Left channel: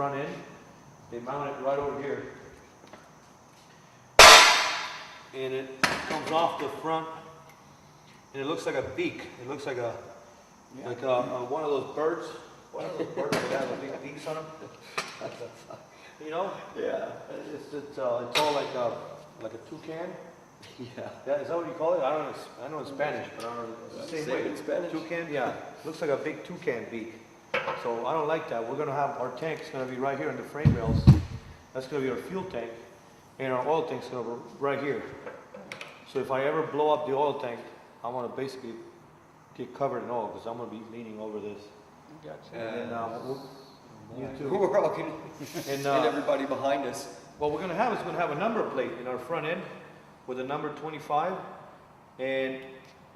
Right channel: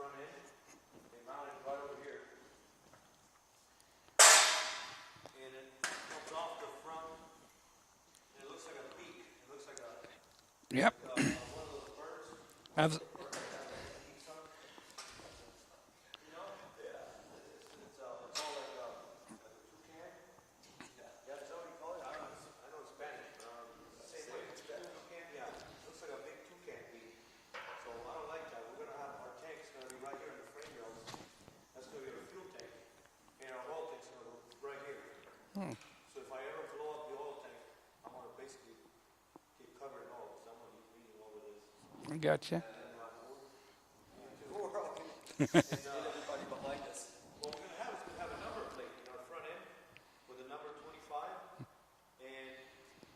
front end. They mount it right over here. And it comes off the front, and it looks like a beak. It looks like a one of those birds. One of those birds that have a big beaks on them. You know? Yeah. It's all like a toucan. Yeah. Is that what you call it? I know in Spanish, but I don't know. It's the same way. In Spanish. Toucan. Yeah. Looks like a big toucan beak. So I don't like that. We're gonna have our tank's gonna be right here in the frame rails. That's gonna be our fuel tank, and our oil tank's gonna be right here. So if I ever blow up the oil tank, I want to basically get covered in oil because I'm going to be leaning over this. I gotcha. And you too. We're all gonna, and everybody behind us. What we're going to have is going to have a number plate in our front end with a number 25, and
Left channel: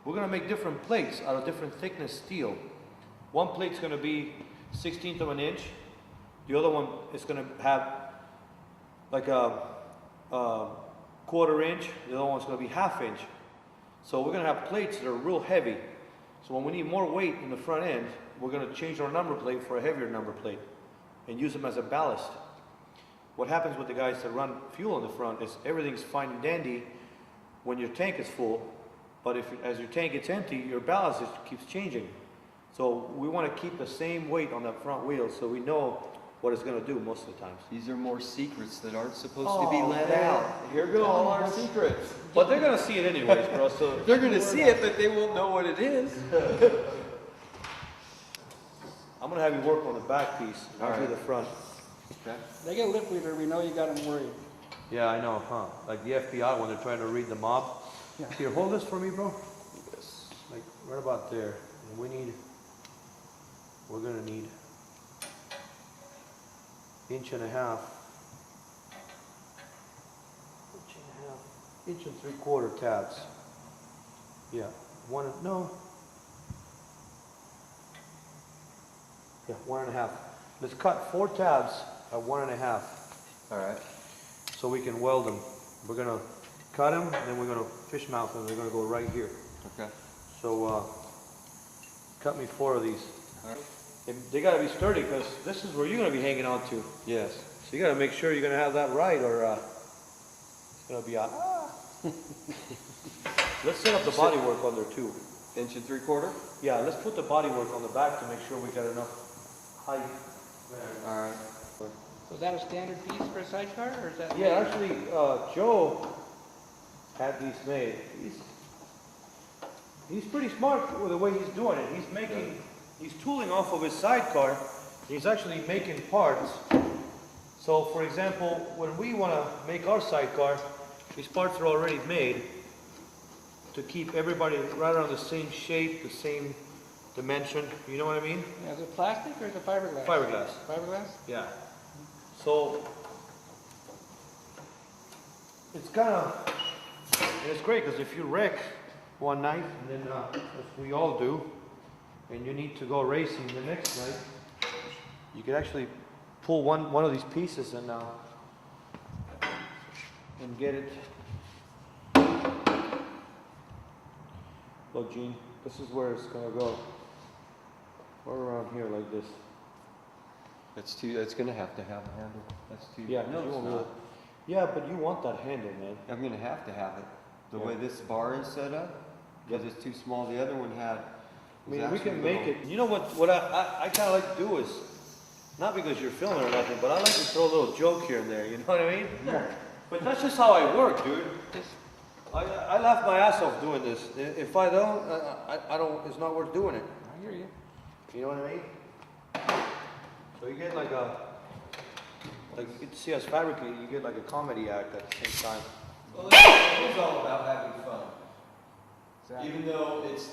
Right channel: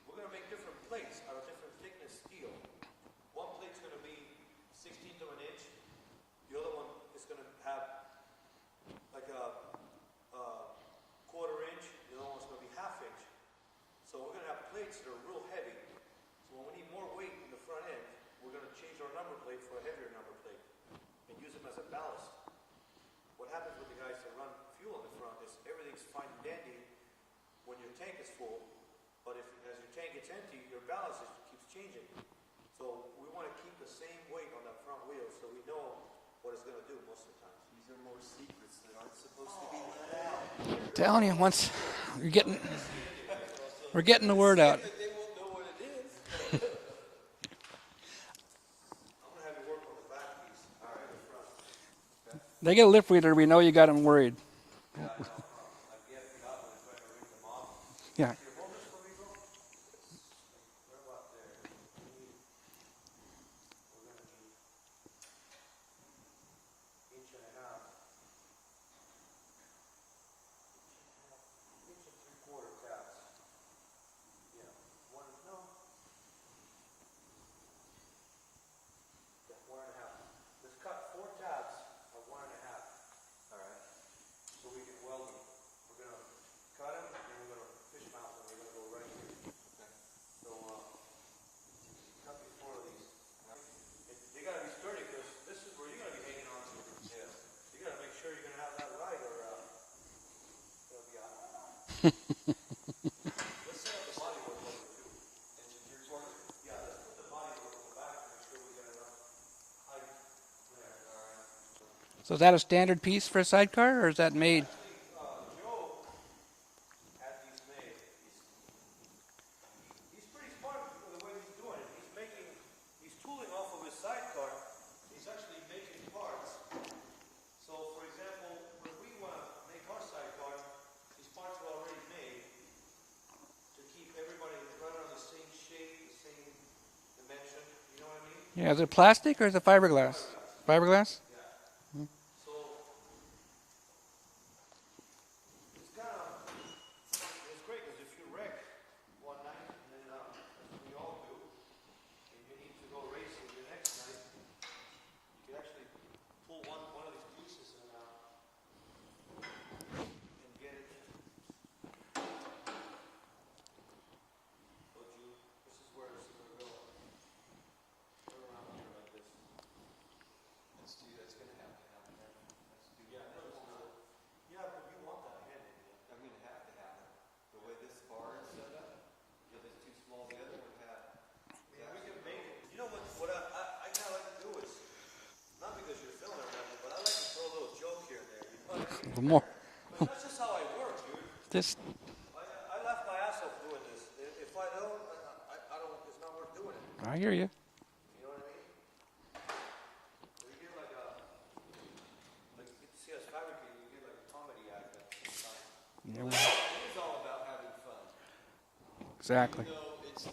we're going to make different plates out of different thickness steel. One plate's going to be 1/16 of an inch. The other one is going to have like a 1/4 inch. The other one's going to be 1/2 inch. So we're going to have plates that are real heavy. So when we need more weight in the front end, we're going to change our number plate for a heavier number plate and use them as a ballast. What happens with the guys that run fuel in the front is everything's fine and dandy when your tank is full, but as your tank gets empty, your ballast keeps changing. So we want to keep the same weight on that front wheel so we know what it's going to do most of the times. These are more secrets that aren't supposed to be let out. Here goes Telling you our once. secrets. But they're going to see it anyways, bro. So We're getting the word out. But they won't know what it is. I'm going to have you work on the back piece, not do the front. Okay. They get a lip reader, we know you got them worried. Yeah, I know, huh? Like the FBI when they're trying to read the mob. Yeah. Here, hold this for me, bro. Like right about there. And we're gonna need 1.5 inches. 1.5 3/4 tabs. Yeah, Yeah, 1.5. Let's cut 4 tabs at 1.5. All right. So we can weld them. We're gonna cut them, and then we're gonna fish mount them. They're gonna go right here. Okay. So cut me 4 of these. All right. And they gotta be sturdy because this is where you're gonna be hanging on to. Yes. So you gotta make sure you're gonna have that right, or it's gonna be a. Let's set up the body work on there too. 1 3/4. Yeah, let's put the body work on the back to make sure we got enough height there. All right. So is that a standard piece for a sidecar, or is that Yeah, made? actually, Joe had these made. He's pretty smart with the way he's doing it. He's tooling off of his sidecar. He's actually making parts. So, for example, when we want to make our sidecar, these parts are already made to keep everybody right around the same shape, the same dimension. You know what I mean? Yeah, is it plastic or is it fiberglass? Fiberglass. Fiberglass? Yeah. So it's kind of, it's great because if you wreck one night, and then as we all do, and you need to go racing the next night, you can actually pull one of these pieces and get it. Look, Gene, this is where it's gonna go. Right around here like this. It's gonna have to have a handle. That's too. Yeah, No, you it's won't not. really- yeah, but you want that handle, man. I'm gonna have to have it. The Yeah. way this bar is set up, because it's too small. The other one had. I mean, we can make it. You know what I kind of like to do is, not because you're filming or nothing, but I like to throw a little joke here and there. You know what I mean? But that's just how I work, dude. Just I laugh my ass off doing this. If I don't, I don't. It's not worth doing it. I hear you. You know what I mean? So you get like you get to see us fabricate. You get like a comedy act at the same time. Well, it's all about having fun. Exactly. Even though it's,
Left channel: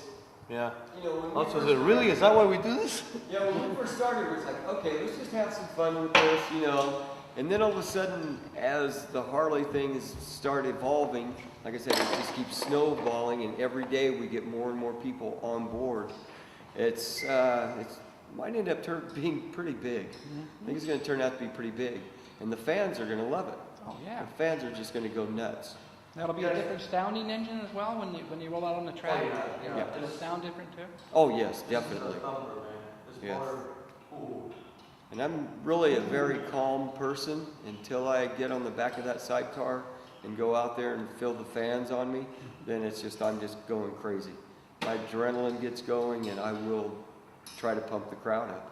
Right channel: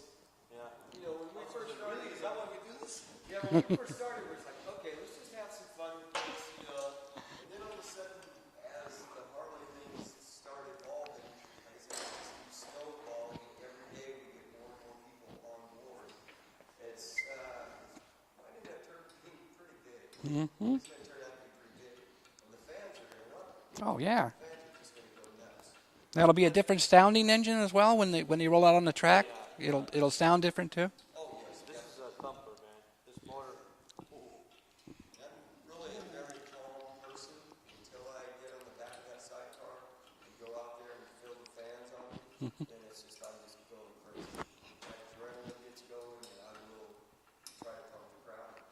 Yeah. you know, when we Also, first is it really? Is that why we do this? Yeah, when we first started, it was like, okay, let's just have some fun with this, you know. And then all of a sudden, as the Harley things start evolving, like I said, it just keeps snowballing, and every day we get more and more people on board. It might end up being pretty big. I think it's going to turn out to be pretty big, and the fans are going to love it. Oh yeah. The fans are just going to go nuts. That'll be a different sounding engine as well when they roll out on the track. It'll sound different too. Oh yes, definitely. Comfort, man. This Yes. motor, ooh. And I'm really a very calm person until I get on the back of that sidecar and go out there and feel the fans on me. Then it's just, I'm just going crazy. My adrenaline gets going and I will try to pump the crowd up.